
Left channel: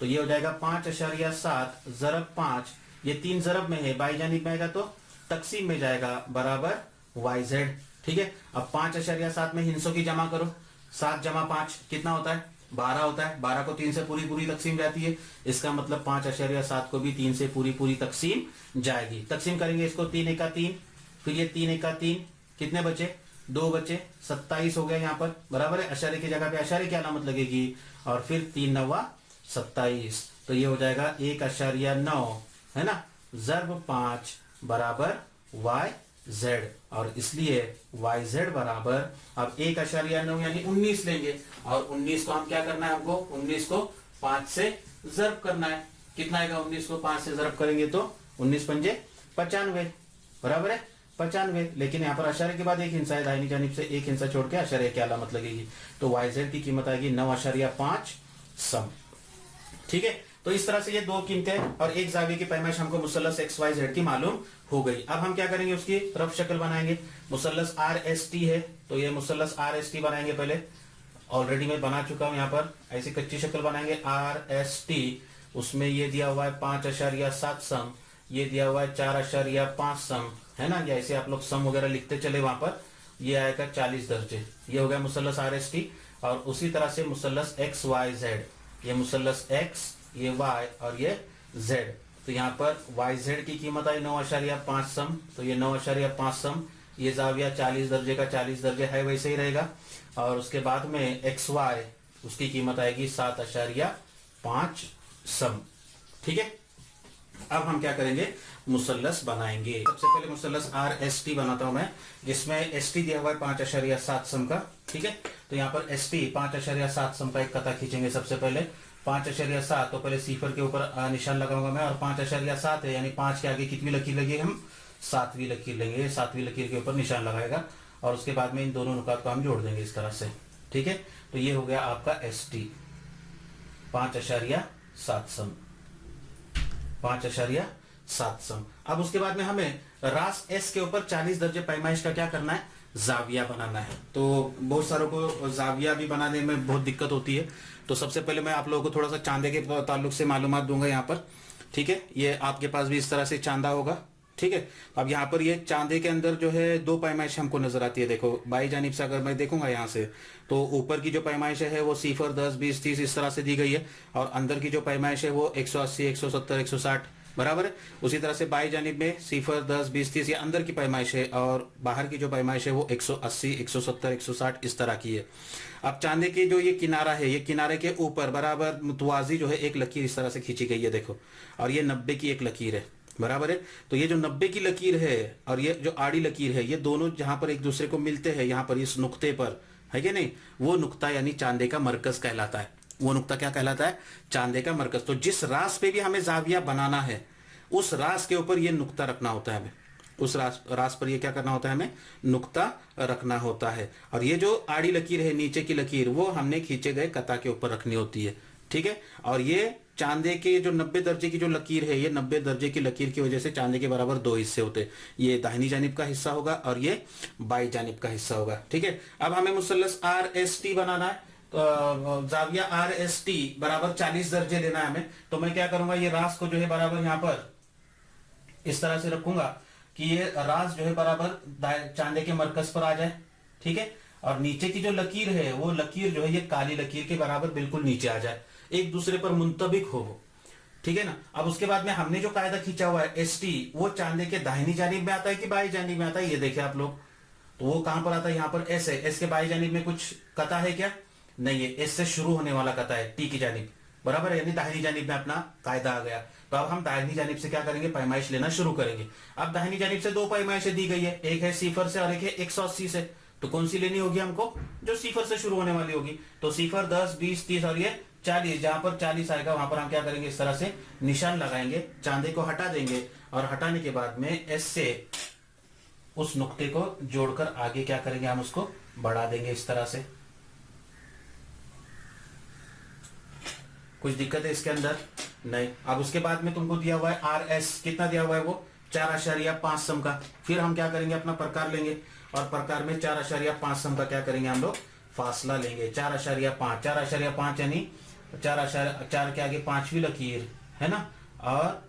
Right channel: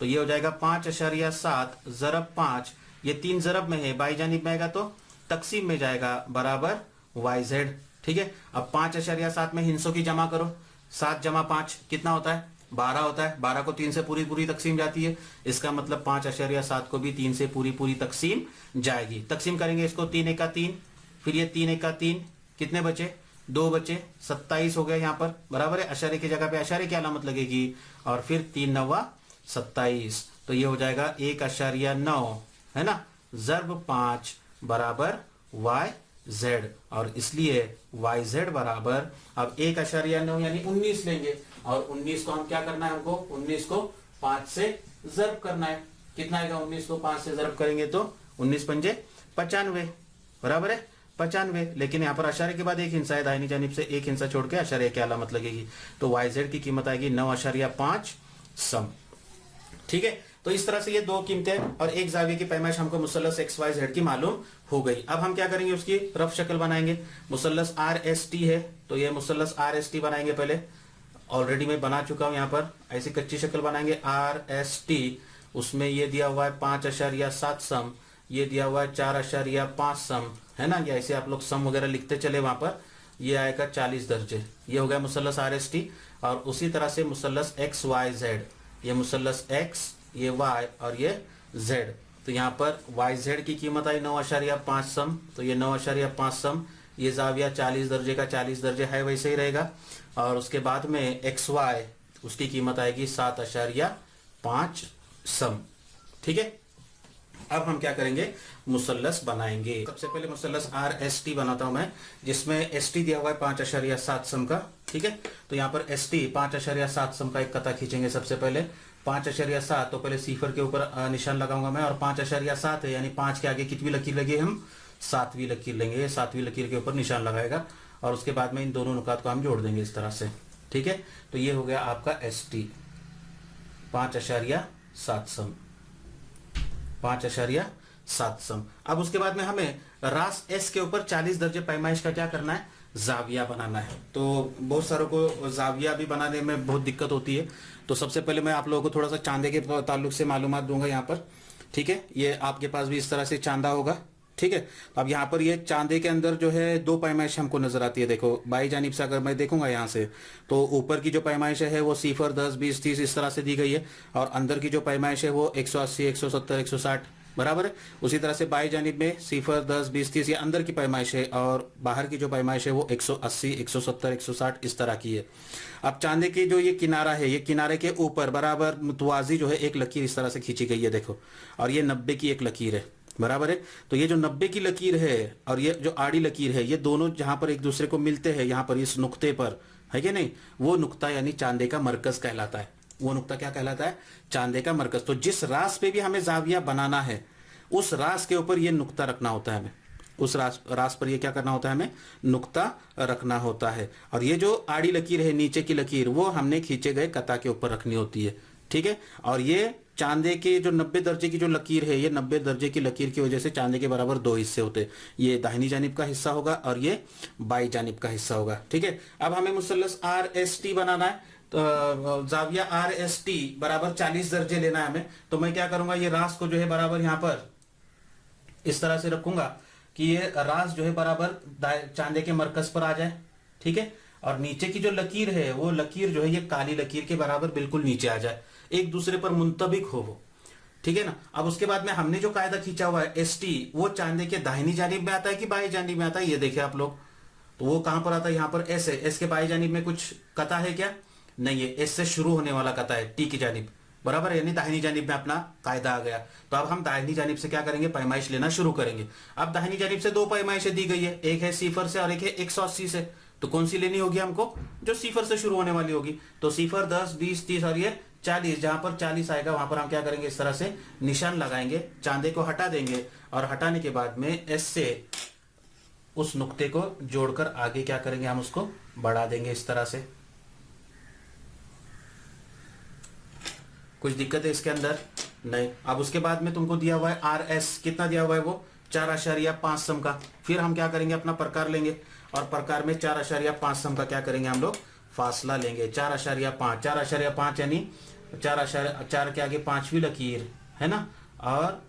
तो ये हो जाएगा 5.7 ज़रब 5, ये 3 ज़रब में है, बाई जानिब में आएगा तो तकसीम में जाएगा, बराबर YZ। ठीक है, अब 5.7 में हिस्सों की जमा करो, 7 जमा 5 कितना होता है, 12 होता है। 12 को 3 से पूरी तकसीम जाती है, इसका मतलब 5.7 को भी 3 से पूरी तकसीम जाएगी। तकसीम करेंगे इसको, 3 एका 3, फिर ये 3 एका 3, कितने बचे, 2 बचे, 27 हो गया यहाँ पर, बराबर है। अशारे की जगह पे अशारे की अलामत लगेगी, और फिर 3 9 27, तो ये हो जाएगा 1.9, है ना, ज़रब 5 बराबर YZ। और इसलिए YZ बराबर, अब 1.9 यानी 19 लेंगे, और 19 को हम क्या करना है, हमको 19 को 5 से ज़रब करना है। कितना आएगा, 19 को 5 से ज़रब करेंगे तो 19 पंजे 95, बराबर है 95। लेकिन यहाँ पर अशारे के बाद एक हिस्सा है, दाहिनी जानिब से एक हिस्सा छोड़ के अशारे की अलामत लगेगी, तो YZ की कीमत आएगी 9.5 सम। ठीक है, तो इस तरह से ये दो कीमतें और एक जाविये की पैमाइश हमको मुसल्लस XYZ की मालूम हो गई। अब हम क्या करेंगे, उसकी रफ शक्ल बनाएंगे। मुसल्लस RST है, तो ये मुसल्लस RST बनाएंगे। पहले ऑलरेडी मैं बना चुका हूं, यहाँ पर ऐसी कच्ची शक्ल बनाएंगे RST। उसमें ये दिया हुआ है 5.7 सम, ये दिया हुआ है 4.5 सम, है ना। ऐसे आप लोग सम वगैरह लिखते चले, वहां पर ये आएगा 40 दर्जे। ये हो गया मुसल्लस RST। और उसी तरह से मुसल्लस XYZ, ये मुसल्लस X, ये Y और ये Z। तो यहाँ पर YZ की कीमत आई 9.5 सम, तो ये 9.5 सम, ये जाविया 40 दर्जे का 40 दर्जे है, वैसे ही रहेगा। और उसके बाद में XY, उसकी कीमत आएगी 7.5 सम। ठीक है, अब हम क्या करेंगे, मुसल्लस बनाएंगे। सबसे पहले मुसल्लस RST बनाता हूं मैं, जिसमें ST दिया हुआ है 5.7 सम का। ठीक है, तो यहाँ पर ST 5.7 सम का एक कता खींचेंगे। सबसे पहले 5.7, तो पहले सिफर के ऊपर निशान लगाऊंगा मैं, और 5.7 है, यानी 5 के आगे कितनी लकीर लगी, हम 7वीं लकीर लेंगे। 7वीं लकीर के ऊपर निशान लगाएगा, और उसके बाद में इन दोनों नुकात को हम जोड़ देंगे इस तरह से। ठीक है, तो ये हो गया आपका ST 5.7 सम, 5.7 सम। अब उसके बाद में हमें रास S के ऊपर 40 दर्जे पैमाइश का क्या करना है, जाविया बनाना है। तो बहुत सारों को जाविया भी बनाने में बहुत दिक्कत होती है। तो सबसे पहले मैं आप लोगों को थोड़ा सा चांदे के ताल्लुक से मालूमात दूंगा यहाँ पर। ठीक है, ये आपके पास भी इस तरह से चांदा होगा। ठीक है, अब यहाँ पर ये चांदे के अंदर जो है 2 पैमाइश हमको नजर आती है। देखो बाई जानिब से अगर मैं देखूंगा यहाँ से, तो ऊपर की जो पैमाइश है वो 0 10 20 30 इस तरह से दी गई है, और अंदर की जो पैमाइश है वो 180 170 160, बराबर है। उसी तरह से बाई जानिब में 0 10 20 30 ये अंदर की पैमाइश है, और बाहर की जो पैमाइश है वो 180 170 160 इस तरह की है। अब चांदे की जो ये किनारा है, ये किनारे के ऊपर बराबर मुतवाजी जो है एक लकीर इस तरह से खींची गई है, देखो, और ये 90 की एक लकीर है, बराबर है। तो ये जो 90 की लकीर है और ये जो आड़ी लकीर है, ये दोनों जहां पर एक दूसरे को मिलते हैं, यहाँ पर इस नुक्ते पर, है कि नहीं, वो नुक्ता यानी चांदे का मरकज कहलाता है। वो नुक्ता क्या कहलाता है, चांदे का मरकज। तो जिस रास पे भी हमें जाविया बनाना है, उस रास के ऊपर ये नुक्ता रखना होता है हमें, उस रास पर ये क्या करना होता है, हमें नुक्ता रखना होता है। और ये जो आड़ी लकीर है, नीचे की लकीर, वो हमने खींचे गए कता के ऊपर रखनी होती है। ठीक है, और ये चांदे के जो 90 दर्जे की जो लकीर है, ये 90 दर्जे की लकीर की वजह से चांदे के बराबर 2 हिस्से होते हैं। ये दाहिनी जानिब का हिस्सा होगा और ये बाई जानिब का हिस्सा होगा। ठीक है, अब हमें मुसल्लस RST बनाना है। तो जाविया RST बराबर 40 दर्जे लेना है हमें। तो मैं क्या करूंगा, ये रास को जो है बराबर यहाँ पर इस तरह से रखूंगा कि ये रास जो है बराबर चांदे के मरकज पर आ जाए। ठीक है, और नीचे की जो लकीर है, वो लकीर जो है ये काली लकीर के बराबर बिल्कुल नीचे आ जाए। एक दूसरे पर मुंतबिक हो। ठीक है ना। अब उसके बाद में हमने जो कायदा खींचा हुआ है ST, वो चांदे के दाहिनी जानिब में आता है कि बाई जानिब में आता है, ये देखे आप लोग। तो वो कहां पर आता है, यहाँ पर S है। S के बाई जानिब में कुछ कता है क्या, नहीं है। S से शुरू होने वाला कता है T की जानिब, बराबर है, यानी दाहिनी जानिब में अपना कायदा आ गया। तो अब हम दाहिनी जानिब से क्या करेंगे, पैमाइश लेना शुरू करेंगे। अब दाहिनी जानिब से दो पैमाइशें दी गई है, एक है सिफर से और एक है 180 से। तो कौन सी लेनी होगी हमको, जो सिफर से शुरू होने वाली होगी। तो सिफर 10, 20, 30 और ये 40, जहां पर 40 आएगा वहां पर हम क्या करेंगे, इस तरह से निशान लगाएंगे, चांदे को हटा देंगे और हटाने के बाद में S से उस नुक्ते को जोड़कर आगे क्या करेंगे, हम उसको बढ़ा देंगे इस तरह से। कुछ दिक्कत है इसके अंदर, नहीं। अब उसके बाद में तुमको दिया हुआ है RS, कितना दिया हुआ है वो 4.5 सम का। फिर हम क्या करेंगे, अपना प्रकार लेंगे और प्रकार में 4.5 सम का क्या करेंगे हम लोग, फासला लेंगे। 4.5 यानी 4 के आगे पांचवी लकीर है ना, और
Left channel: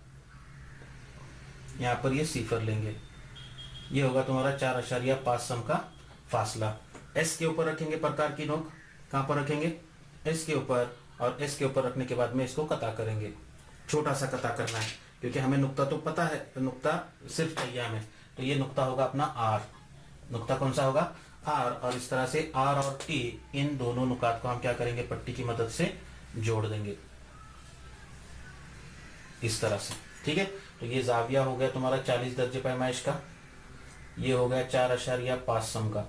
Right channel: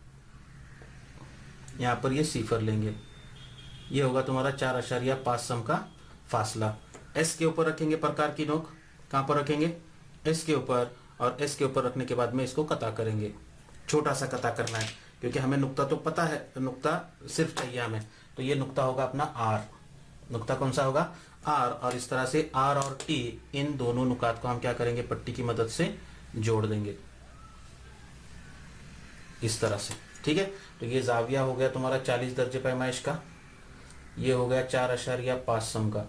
यहां पर ये सिफर लेंगे। ये होगा तुम्हारा 4.5 सम का फासला। S के ऊपर रखेंगे प्रकार की नोक, कहां पर रखेंगे, S के ऊपर, और S के ऊपर रखने के बाद में इसको कता करेंगे। छोटा सा कता करना है क्योंकि हमें नुक्ता तो पता है, नुक्ता सिर्फ चाहिए हमें। तो ये नुक्ता होगा अपना R, नुक्ता कौन सा होगा, R। और इस तरह से R और T, इन दोनों नुकात को हम क्या करेंगे, पट्टी की मदद से जोड़ देंगे इस तरह से। ठीक है। तो ये जाविया हो गया तुम्हारा 40 दर्जे पैमाइश का, ये हो गया 4.5 सम का,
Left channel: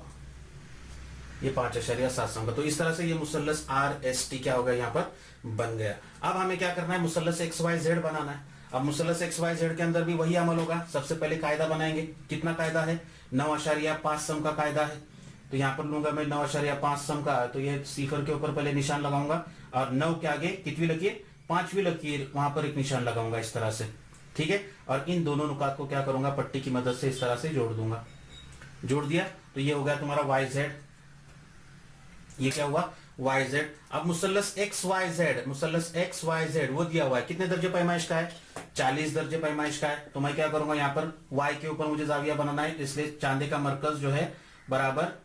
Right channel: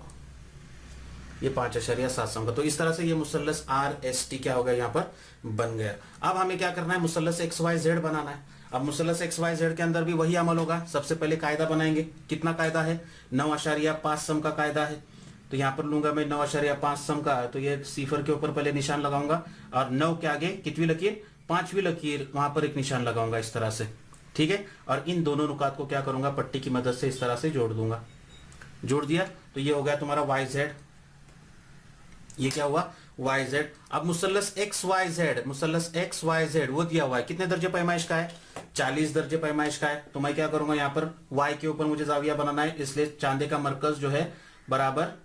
ये 5.7 सम का। तो इस तरह से ये मुसल्लस RST क्या होगा, यहाँ पर बन गया। अब हमें क्या करना है, मुसल्लस XYZ बनाना है। अब मुसल्लस XYZ के अंदर भी वही अमल होगा। सबसे पहले कायदा बनाएंगे, कितना कायदा है, 9.5 सम का कायदा है। तो यहाँ पर लूंगा मैं 9.5 सम का, तो ये सिफर के ऊपर पहले निशान लगाऊंगा और 9 के आगे कितनी लकीर, पांचवी लकीर, वहां पर एक निशान लगाऊंगा इस तरह से। ठीक है। और इन दोनों नुकात को क्या करूंगा, पट्टी की मदद से इस तरह से जोड़ दूंगा। जोड़ दिया तो ये हो गया तुम्हारा YZ, ये क्या हुआ YZ। अब मुसल्लस XYZ वो दिया हुआ है, कितने दर्जे पैमाइश का है, 40 दर्जे पैमाइश का है। तो मैं क्या करूंगा, यहाँ पर Y के ऊपर मुझे जाविया बनाना है, इसलिए चांदे का मरकज जो है बराबर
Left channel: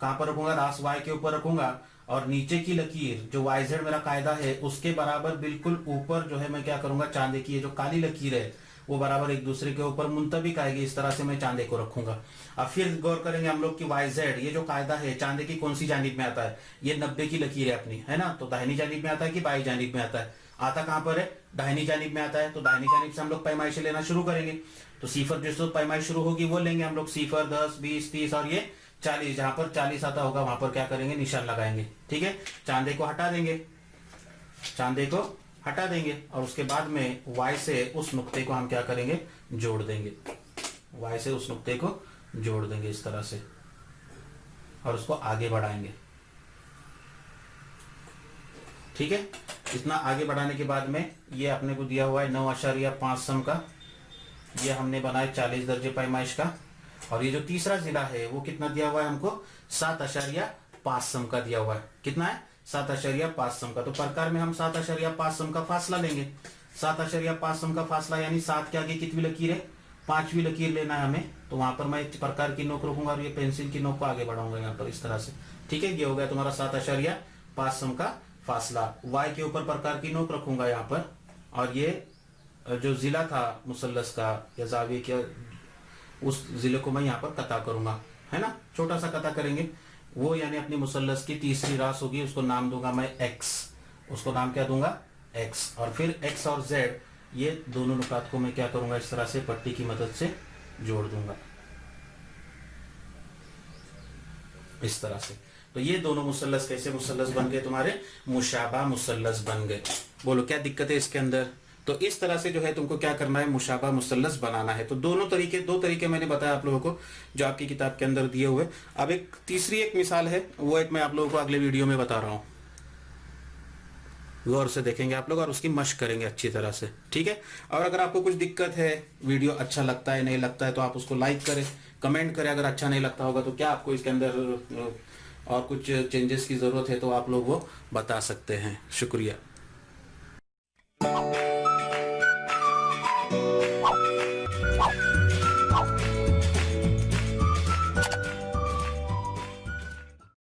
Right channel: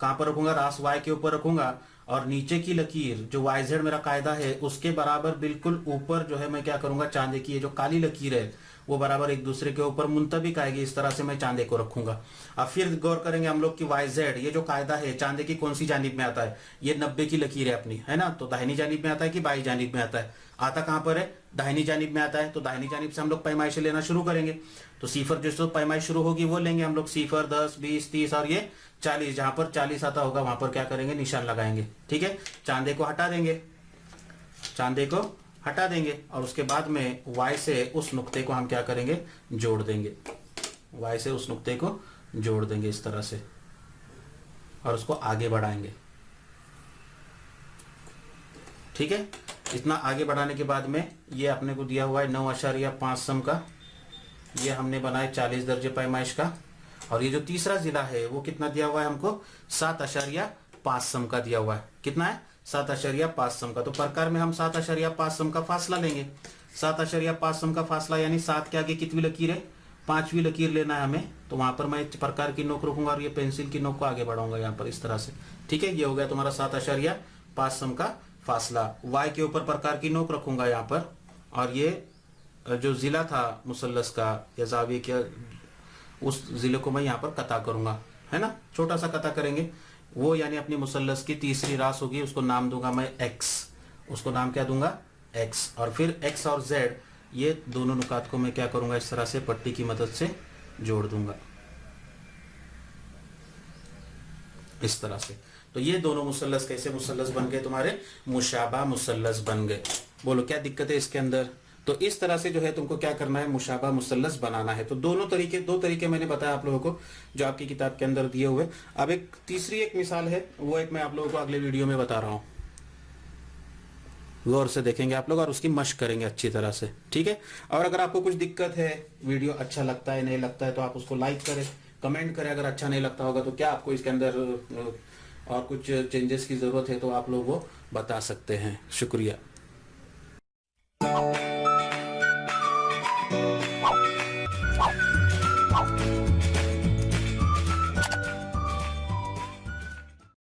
कहां पर रखूंगा, रास Y के ऊपर रखूंगा, और नीचे की लकीर जो YZ मेरा कायदा है उसके बराबर बिल्कुल ऊपर जो है मैं क्या करूंगा, चांदे की ये जो काली लकीर है वो बराबर एक दूसरे के ऊपर मुंतबिक आएगी, इस तरह से मैं चांदे को रखूंगा। अब फिर गौर करेंगे हम लोग कि YZ ये जो कायदा है चांदे की कौन सी जानिब में आता है, ये 90 की लकीर है अपनी, है ना। तो दाहिनी जानिब में आता है कि बाई जानिब में आता है, आता कहां पर है, दाहिनी जानिब में आता है। तो दाहिनी जानिब से हम लोग पैमाइशें लेना शुरू करेंगे। तो सिफर जिस पैमाइश शुरू होगी वो लेंगे हम लोग, सिफर 10, 20, 30 और ये 40, जहां पर 40 आता होगा वहां पर क्या करेंगे, निशान लगाएंगे। ठीक है। चांदे को हटा देंगे, चांदे को हटा देंगे और उसके बाद में Y से उस नुक्ते को हम क्या करेंगे, जोड़ देंगे। Y से उस नुक्ते को जोड़ देंगे इस तरह से और उसको आगे बढ़ाएंगे। ठीक है। इतना आगे बढ़ाने के बाद में ये अपने को दिया हुआ है 9.5 सम का, ये हमने बनाया 40 दर्जे पैमाइश का। और ये जो तीसरा जिला है वो कितना दिया हुआ है हमको, 7.5 सम का दिया हुआ है। कितना है, 7.5 सम का। तो प्रकार में हम 7.5 सम का फासला लेंगे। 7.5 सम का फासला यानी 7 के आगे कितनी लकीर है, पांचवी लकीर लेना है हमें। तो वहां पर मैं प्रकार की नोक रखूंगा और ये पेंसिल की नोक को आगे बढ़ाऊंगा यहाँ पर इस तरह से। ठीक है। ये हो गया तुम्हारा 7.5 सम का फासला। Y के ऊपर प्रकार की नोक रखूंगा यहाँ पर, और ये जो जिला था मुसल्लस का या जाविये के, उस जिले को मैं यहाँ पर कता करूंगा, है ना। छोटा सा कता करेंगे वो, यानी अपनी मुसल्लस की तीसरी रास होगी, उसको नाम दूंगा मैं X, उसको नाम क्या दूंगा, X। और फिर X और Z ये दोनों नुकात को मैं क्या करूंगा, इस तरह से पट्टी की मदद से जोड़ दूंगा इस तरह से। तो ये दोनों मुसल्लस कैसे मुसल्लस बन गए, तुम्हारे मुशाबा मुसल्लस बन गए। बोलो क्या दिक्कत है इसके अंदर। तो इस तरह से जो है तुमको क्या करना है, मुशाबा मुसल्लस बनाना है। तो दो तरीके मैंने बताया आप लोगों को जो आपकी किताब के अंदर दिए हुए। अब एक तीसरी एक मिसाल है, वो एक मैं आप लोगों को अगले वीडियो में बता रहा हूं, गौर से देखेंगे आप लोग और उसकी मशक करेंगे अच्छी तरह से। ठीक है। और अगर आपको कुछ दिक्कत है, वीडियो अच्छा लगता है नहीं लगता है, तो आप उसको लाइक करें, कमेंट करें। अगर अच्छा नहीं लगता होगा तो क्या आपको इसके अंदर और कुछ चेंजेस की जरूरत है तो आप लोग वो बता सकते हैं। शुक्रिया।